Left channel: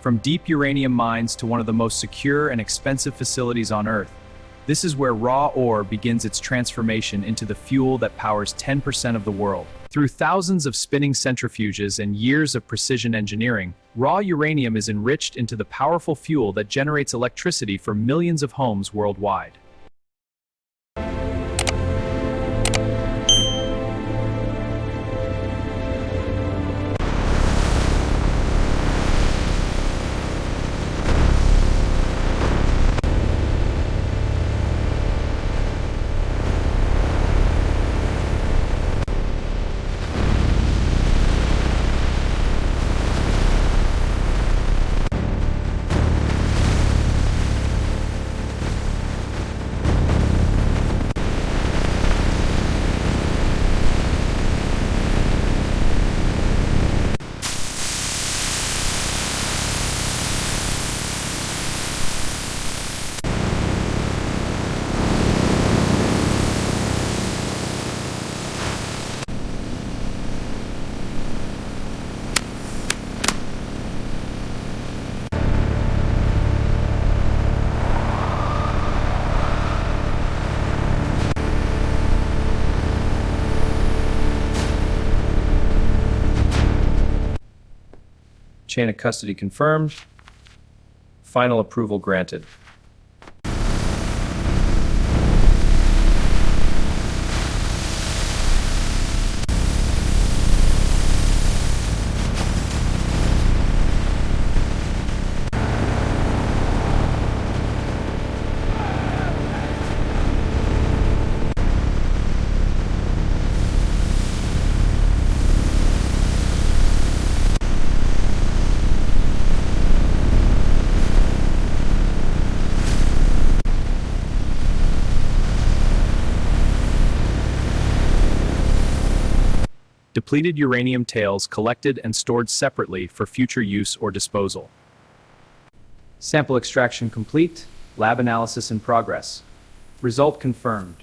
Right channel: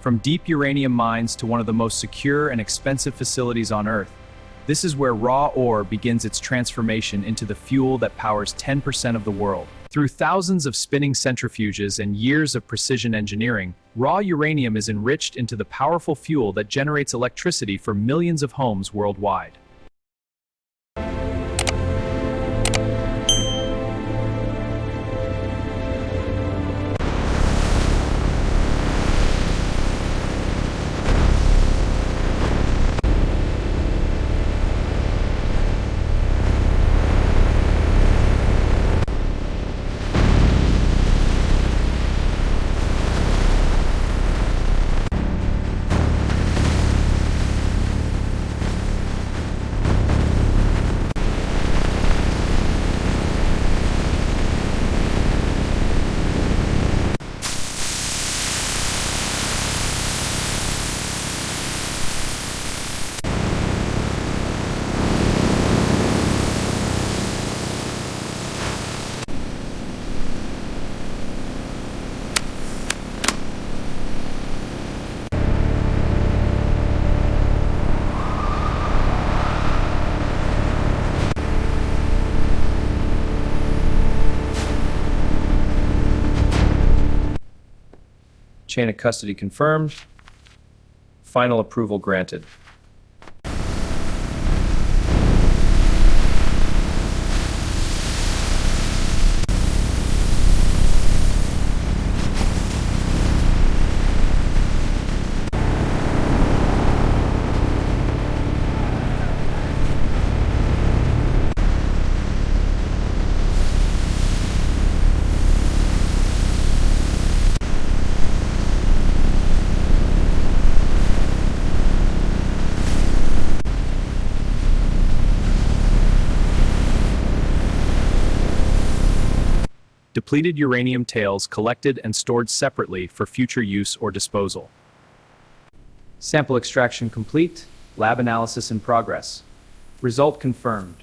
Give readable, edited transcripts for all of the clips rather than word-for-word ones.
From deep uranium mines to one of the most secure and expensive facilities on Earth, this is where raw ore begins its transformation into the fuel that powers 10% of the world. Through thousands of spinning centrifuges and years of precision engineering, raw uranium is enriched into the powerful fuel that generates electricity for millions of homes worldwide. Chain of custody confirmed. Final approval granted. Depleted uranium tails collected and stored separately for future use or disposal. Sample extraction complete. Lab analysis in progress. Result confirmed.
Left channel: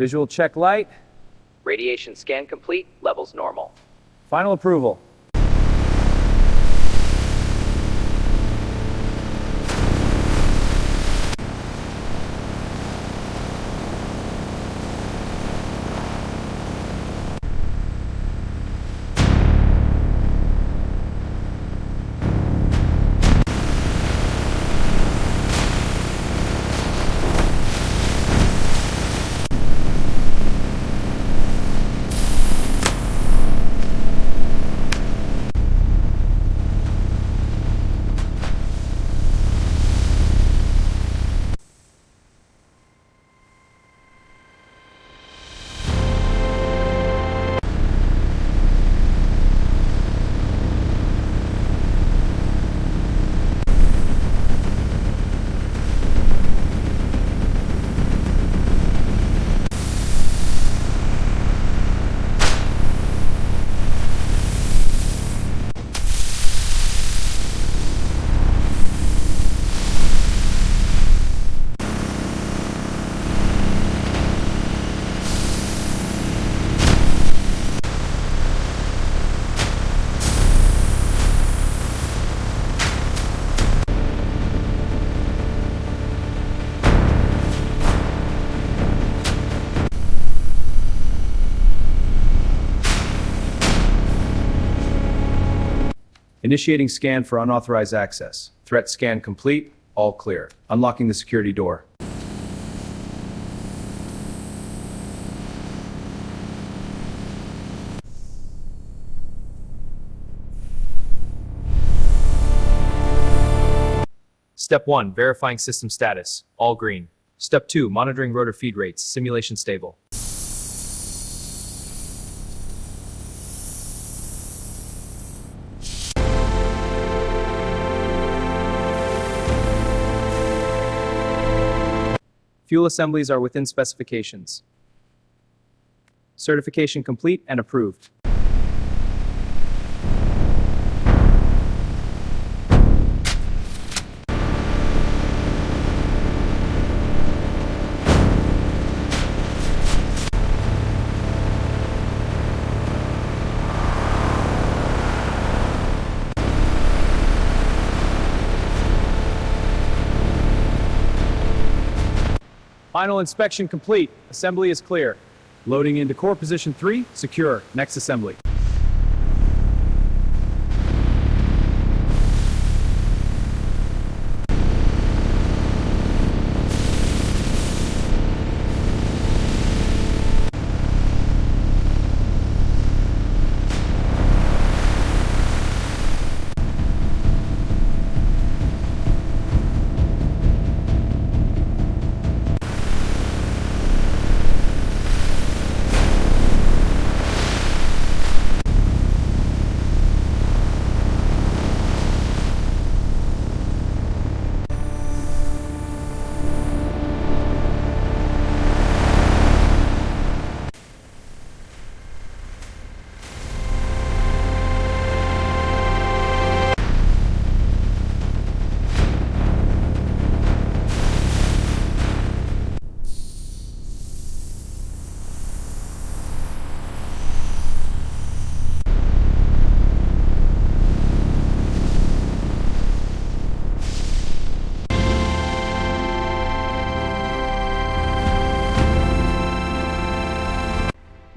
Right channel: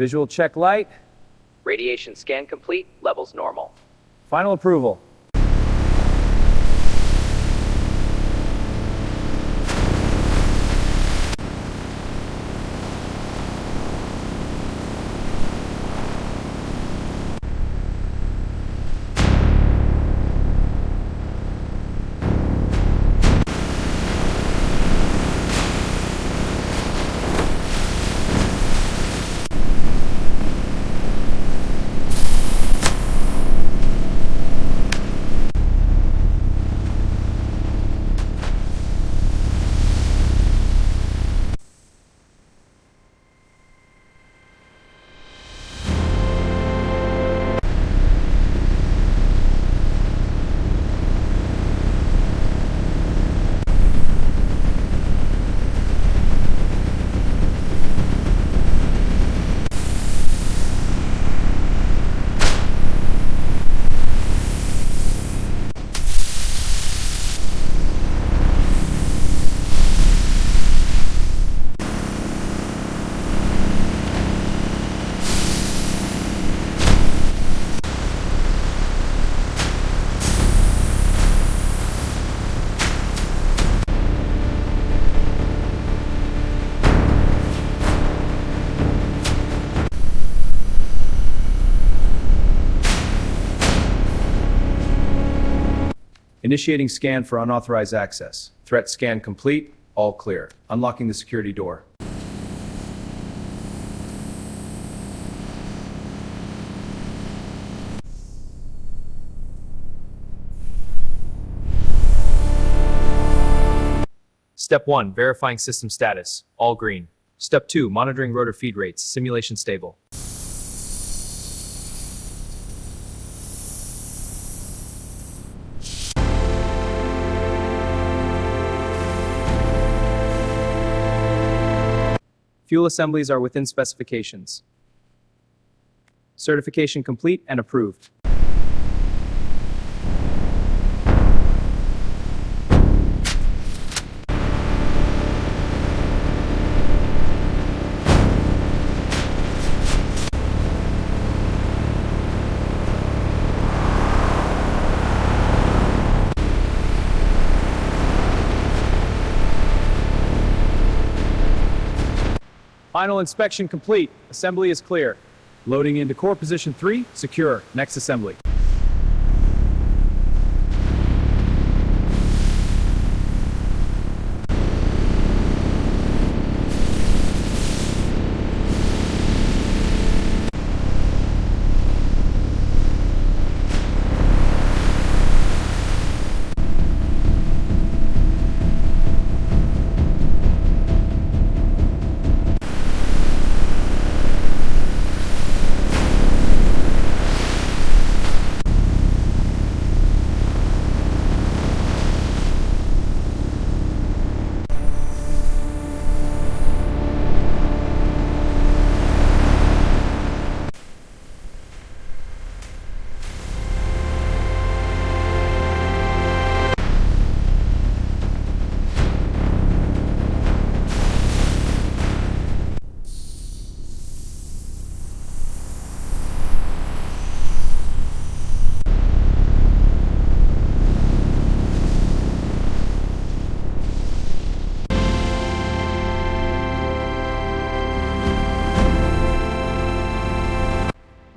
Visual check light. Radiation scan complete, levels normal. Final approval. Initiating scan for unauthorized access. Threat scan complete. All clear. Unlocking the security door. Step 1, verifying system status. All green. Step 2, monitoring rotor feed rates. Simulation stable. Fuel assemblies are within specifications. Certification complete and approved. Final inspection complete. Assembly is clear. Loading into core position 3, secure. Next assembly.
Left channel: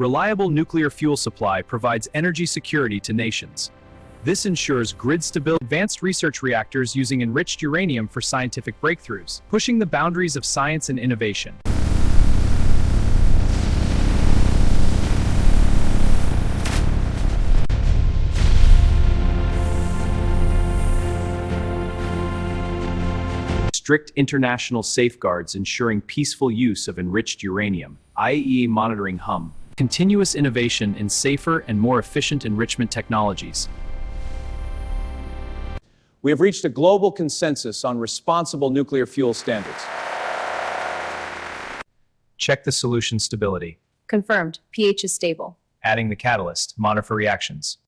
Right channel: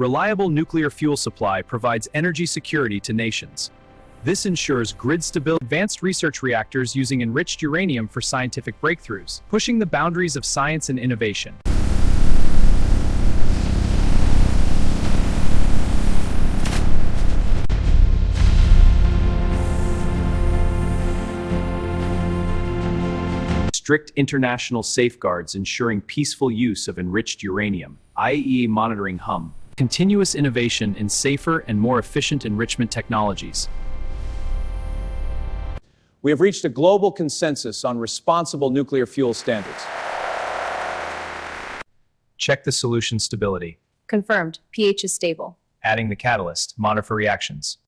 Reliable nuclear fuel supply provides energy security to nations. This ensures grid stability. Advanced research reactors using enriched uranium for scientific breakthroughs, pushing the boundaries of science and innovation. Strict international safeguards ensuring peaceful use of enriched uranium. IAEA monitoring hum. Continuous innovation in safer and more efficient enrichment technologies. We have reached a global consensus on responsible nuclear fuel standards. Check the solution stability. Confirmed. pH is stable. Adding the catalyst. Monitor for reactions.